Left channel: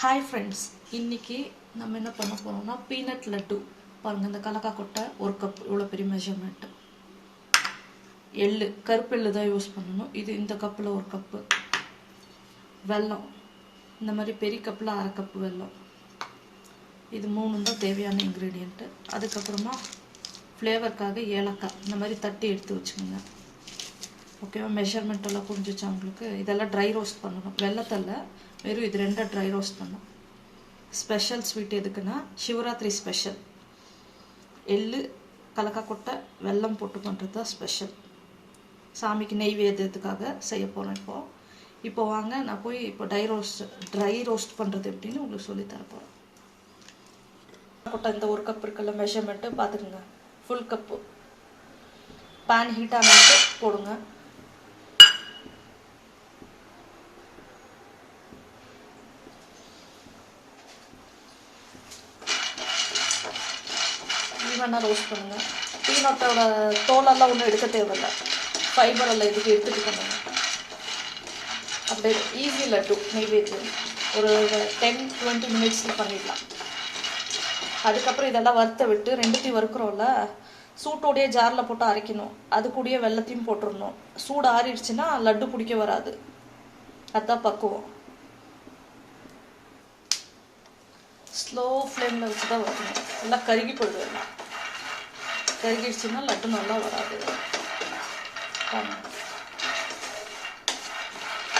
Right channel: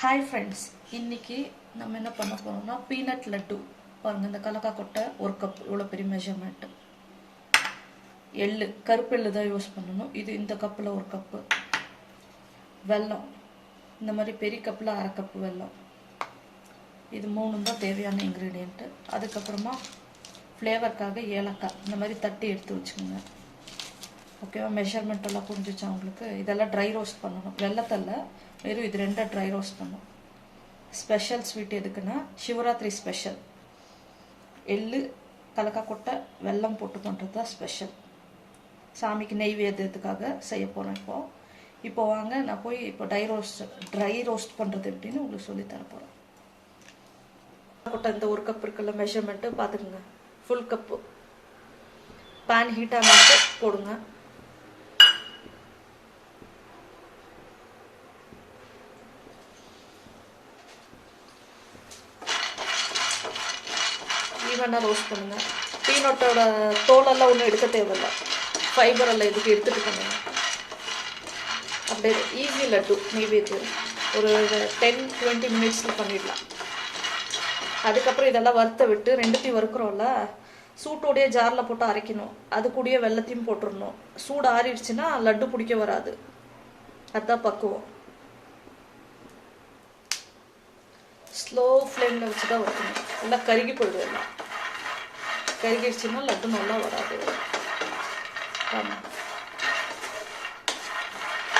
Hi friends, இன்னைக்கு நம்ம என்ன பண்ண போறோம்னா பீனட் லட்டு. பாருங்க, இந்த கலக்கா கொட்டை ஒரு கப், இவ்வளோ பெரிய மெஷர்மெண்ட். எள்ளு, கருப்பு எள்ளு தான் யூஸ் பண்ணணும். இது இந்த கப்பில் ஒரு கப்பு. வெல்லம், இந்த மாதிரி பெரிய கப்பில் அரை கப்பு வெல்லம். இது மூணு தான் தேவையான இன்க்ரீடியண்ட்டு. அதுக்கப்புறமா ஃப்ளேவருக்காக ஏலக்காய் இந்த மாதிரி தட்டி எடுத்து வச்சுக்கோங்க. ஓகேவா? மெஷர்மெண்ட் எல்லாம் புரிஞ்சிச்சா உங்களுக்கு? இதெல்லாம் ட்ரை ரோஸ்ட் பண்ணணும். வெள்ளத்தில் வெறும் இது ரெண்டை ட்ரை ரோஸ்ட் பண்ணும். ஸ்பெஷல் ஸ்வீட் எதுக்குன்னா சிவராத்திரி ஸ்பெஷல். எள்ளு, கலக்கா கொட்டை, வெல்லம் போட்டு பண்ணுறது தான் ஸ்பெஷல். சாமிக்கு நெய்வேத்தியத்துக்காக செய்ய போகிறேன். இப்போ வாங்க நான் போய் இப்போ ட்ரை ரோஸ்ட் பண்ணுறது எப்படின்னு உங்களுக்கு சொல்லி தர போகிறேன். கொட்டை இந்த ஒரு கப் இருக்குல்ல, மெஷர்மெண்ட்டு பார்த்துக்குங்க. Full cup. பேன் ஹீட் ஆனாக்கு போடுங்க. ஈவனாக ரோஸ்ட் பண்ணுங்க. பீனட்டோட தோலெல்லாம் ஒன்றும் எடுக்க தேவையில்லை. ஃபைபர் எல்லாம் இதுக்கு எடுத்துகிட்டு பண்ணுங்க. அப்படியே ஈஸி லட்டு நெய்வேத்தியம். ஒரு 10-20 மினிட்ஸில் பண்ணிடலாம். அதுக்கப்புறம் இதெல்லாம் வறுத்த விட்டு ரெண்டுத்தையும் வறுக்கிறோம்ல, சூட்டோடைய ஜாரில் போட்டு அரைக்கணும். அது கூடயே வெள்ளத்தையும் போட்டுடணும். சூடு ஆறிடுச்சுன்னா லட்டு பிடிக்க வராது. அதுதான் பக்குவம். ஸ்லோ ஃப்ளேமில் வச்சு தான் வறுக்கணும். நல்லா கருகி போயிடும். எல்லாம் கருகிடுச்சுன்னா லட்டு நல்லா வராது.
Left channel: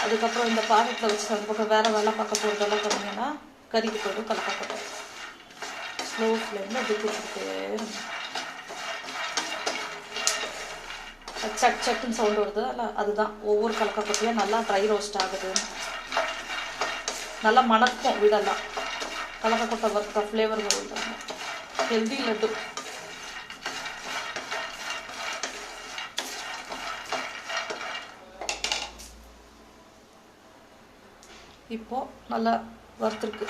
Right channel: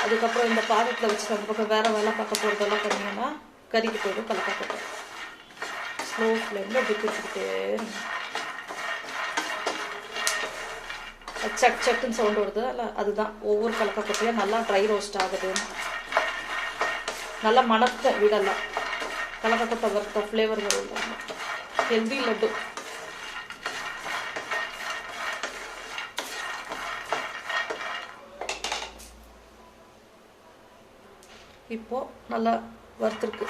அதுக்கப்புறம் இந்த பாக்கெட்டில் வச்சு அந்த பக்கம் வேறு வேலை பார்க்க போகிறதெல்லாம் பண்ணிங்கன்னா கருகி போயிடும் கலக்கா கொட்டை. ஸ்லோ ஃப்ளேமில் அப்படி வச்சுக்கிட்டே சட் சட்டுன்னு சவுண்ட் வருது இல்லை, அதுதான் ஒவ்வொரு கலக்கா கொட்டையும் நல்லா ட்ரை ரோஸ்ட் ஆகுது. நல்லா மணக்கும் வீடெல்லாம். கலக்கா கொட்டை வறுத்த ஃப்ளேவர் வரும். ஹெல்தி லட்டு. இப்போ நல்லா வறுத்துருக்கு.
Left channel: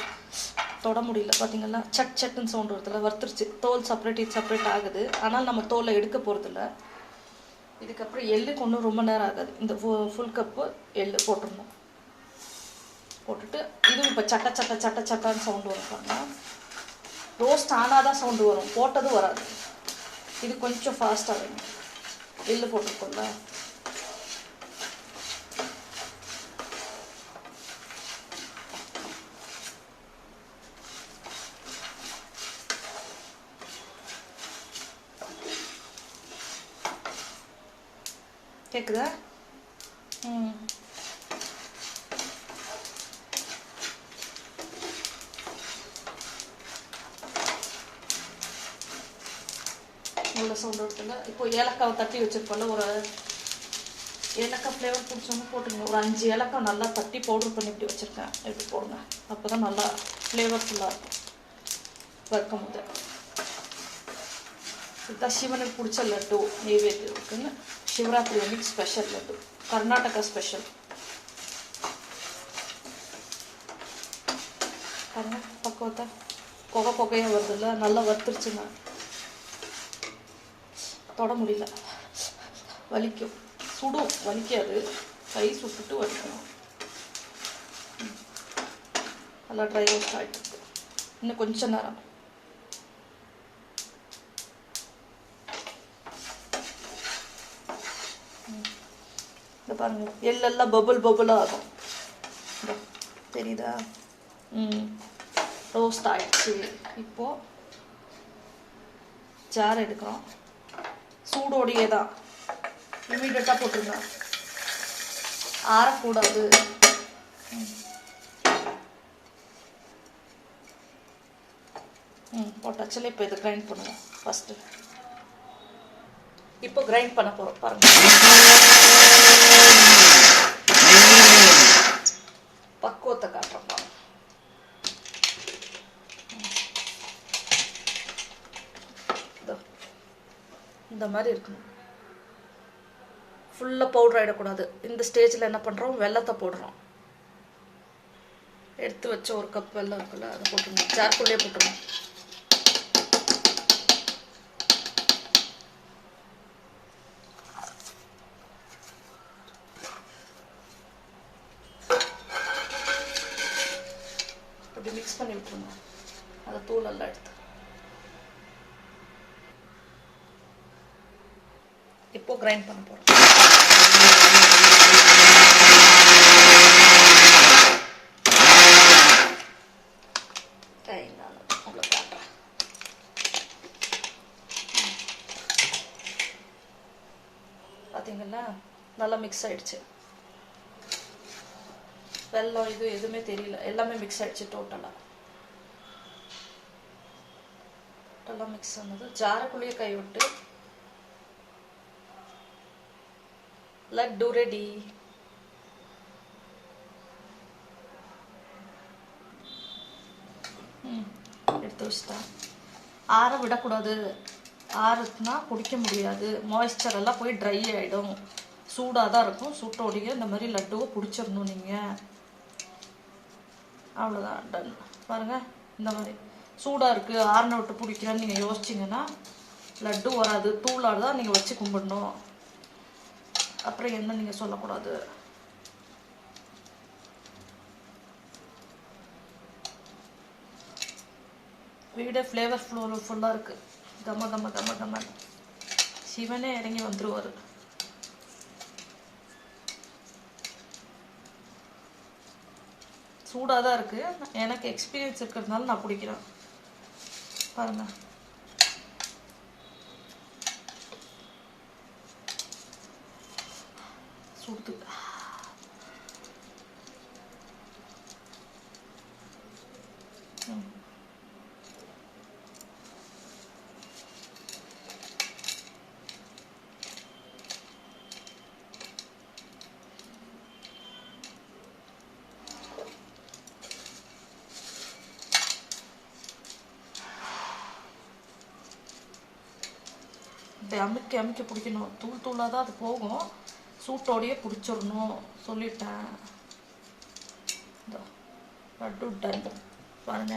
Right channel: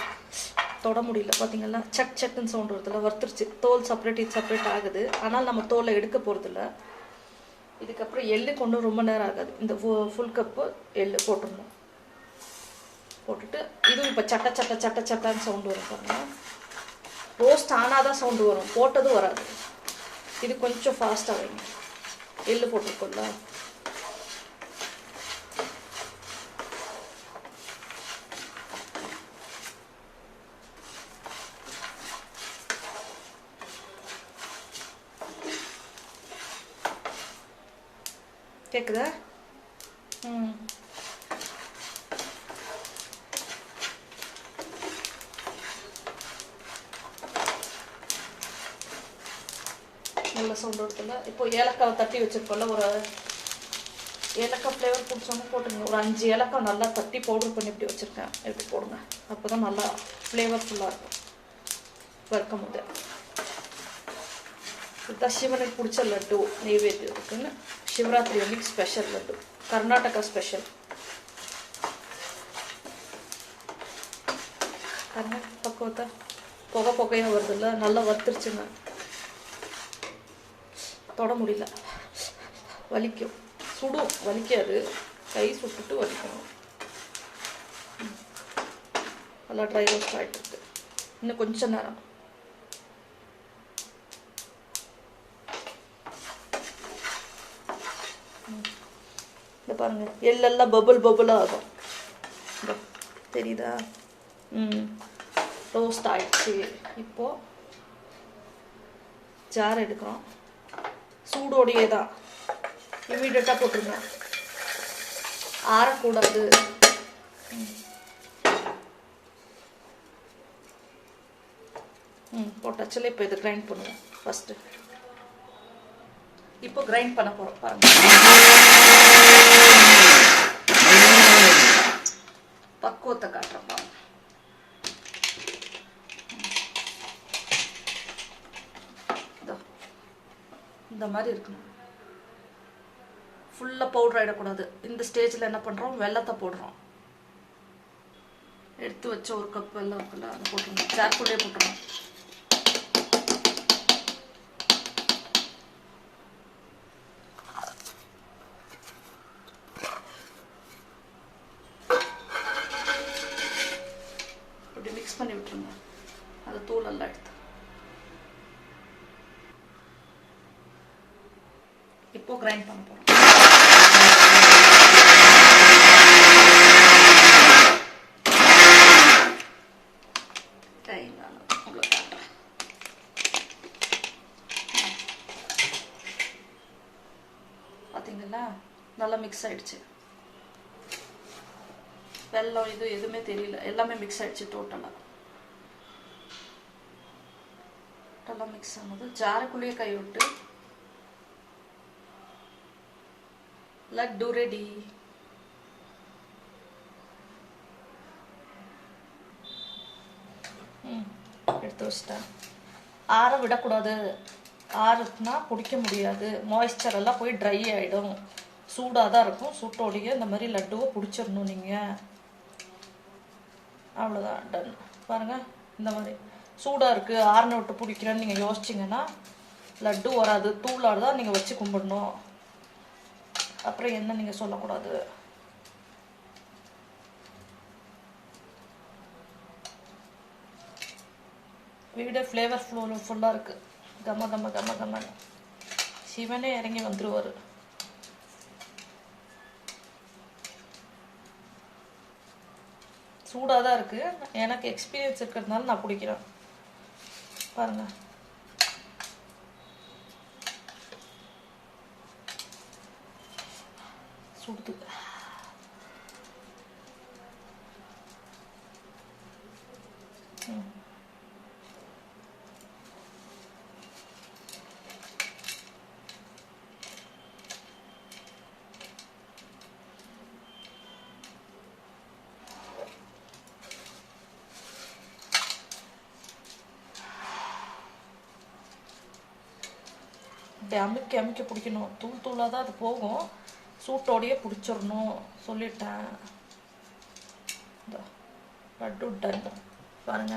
தொட முடியல பார்த்தீங்களா? சட் சட்டுன்னு சவுண்ட் வருதுல. வறுத்துருச்சு. தோல் செப்பரேட், இது செப்பரேட் ஆகுது. ஆனால் நம்ம தோலை எடுக்க போகிறதில்ல. இதுக்கப்புறம் எள்ளுக்கு ஒன்றும் ரொம்ப நேரம் ஆகாது. இந்த ஃபுல் கப்பு எள்ளு போட்டுடணும். போட்டுட்டு இதுவும் இப்போ சட்ட சட்ட சட்ட சட்டான்னு சவுண்டு வரும் பாருங்க. ரோஸ்ட் ஆனால் தான் சவுண்டு வரும், போட்டதும் வராது. இது கொஞ்சம் ஃபாஸ்ட்டாக வேணும். எள்ளு போட்டுருக்கோம்ல, கேட்குதா? நல்ல சவுண்ட் வருதுல்ல. இப்போ ஏலக்காவை தட்டி வச்சிருக்கோம்ல, ஒரு ஏலக்காய் ஃப்ளேவர் பிடிச்சவங்க போட்டுங்க. ஒரு 5 ஏலக்காய் நல்லா தட்டி பவுடர் பண்ணி இப்படி வச்சுருக்கேன். இப்படி போடுங்க. அப்போ தான் நல்லா ஃப்ளேவர்ஃபுல்லாக இருக்கும் வறுக்கும் போது. இதுதான் சிவனுக்கு பிடிச்ச லட்டு நெய்வேத்தியத்துக்குன்னு. சிவராத்திரி அன்னைக்கு ஸ்பெஷல் லட்டு, கர்நாடகா ஸ்பெஷல். பக்குவத்தை புகையாக வருதுல்ல, நல்லா வறுத்துருச்சுங்க. தொட முடியல, வலிக்கும். சுடும், வலிக்காது. கை சுட்டுட்டு வலிக்கணும். நல்லா ட்ரை ரோஸ்ட் ஆகிட்டு. இன்னும் கொஞ்சம் நேரம். இந்த பாருங்க, எள்ளெல்லாம் பபுளாக ஆகும். தெரியுதா? ரோஸ்ட் ஆகிடுச்சு. இப்போது ஜார் எடுக்கிறோம். சூடோடையே தான் இமீடியட்டாக போட்டுருங்க. ஆறக்கூடாது. போட்டாச்சுல. இப்போ இது கிரைண்ட் பண்ணுவோம் ஃபஸ்ட்டு. இப்போ கிரைண்ட் பண்ண போகிறோம் பாருங்க. பக்குவத்தை காட்டுறோம் பாருங்க. இந்த மாதிரி இருக்கணும். ஃபுல்லாக பவுடர் ஆகிடக்கூடாது. இந்த ஸ்டேஜில் என்ன பண்ணுறோம், வெல்லத்தை போடுறோம். எடுத்து வச்ச ஒரு கப் வெல்லம் இருக்குல்ல, அதை போட்டுருங்க. ஜார்க்குள்ளே போட்டுருங்க. அப்படி மிக்ஸ் பண்ணி விட்டுருங்க. அந்த தூளெல்லாம் எடுத்து இப்போ கிரைண்ட் பண்ண போகிறோம். உங்களுக்கு காட்டுறேன். பார்த்தீங்களா, நல்லா மிக்ஸ் ஆயிடுச்சு. வெல்லம் இது எதுவுமே தெரியல, எல்லாமே மிக்ஸ் ஆயிடுச்சு. டோட்டலாக மிக்ஸ் ஆனது ஜாருக்குள்ளேயே கை விட்டு லட்டு ரெடி. எடுத்து வச்சிட்டேன். ஆற விடக்கூடாது. ஆறுனா குடிக்க முடியாது, மாய்ஸ்சர் எல்லாம் போய் ட்ரை ஆகிடும். சூடாக தான் இருக்கும். சூட்டோடைய இந்த மாதிரி லட்டுவை பிடிச்சிடணும் நீங்கள். அவ்வளோதான், டன். பாருங்கள், இந்த மாதிரி சூடாக இருக்குது, ஆறுன விட்டு பிடிக்கிறேன்னு நீங்கள் யோசிச்சிங்கன்னா லட்டு வராது. தூளாக தான் நீங்கள் வச்சு கும்பிடணும். அப்புறம் என்ன நீங்கள் சொல்லக்கூடாது. வீடே ஃப்ளேவர் ஃபுல்லாக இருக்குது. கம கம கம கம. சிவனே இறங்கி வந்துருவார். சூடாக தான் இருக்குது. எனக்கு எக்ஸ்பீரியன்ஸ் இருக்கிறதுனால நான் பிடிக்கிறேன். பாருங்க, சுடுது. அமுக்கி அமுக்கி பிடிக்கணும். தூள் தூளாக தான் அது போகும். சூட்டோடையே பிடிச்சிடணும் சொல்லிட்டேன். லட்டு டன். பாருங்க.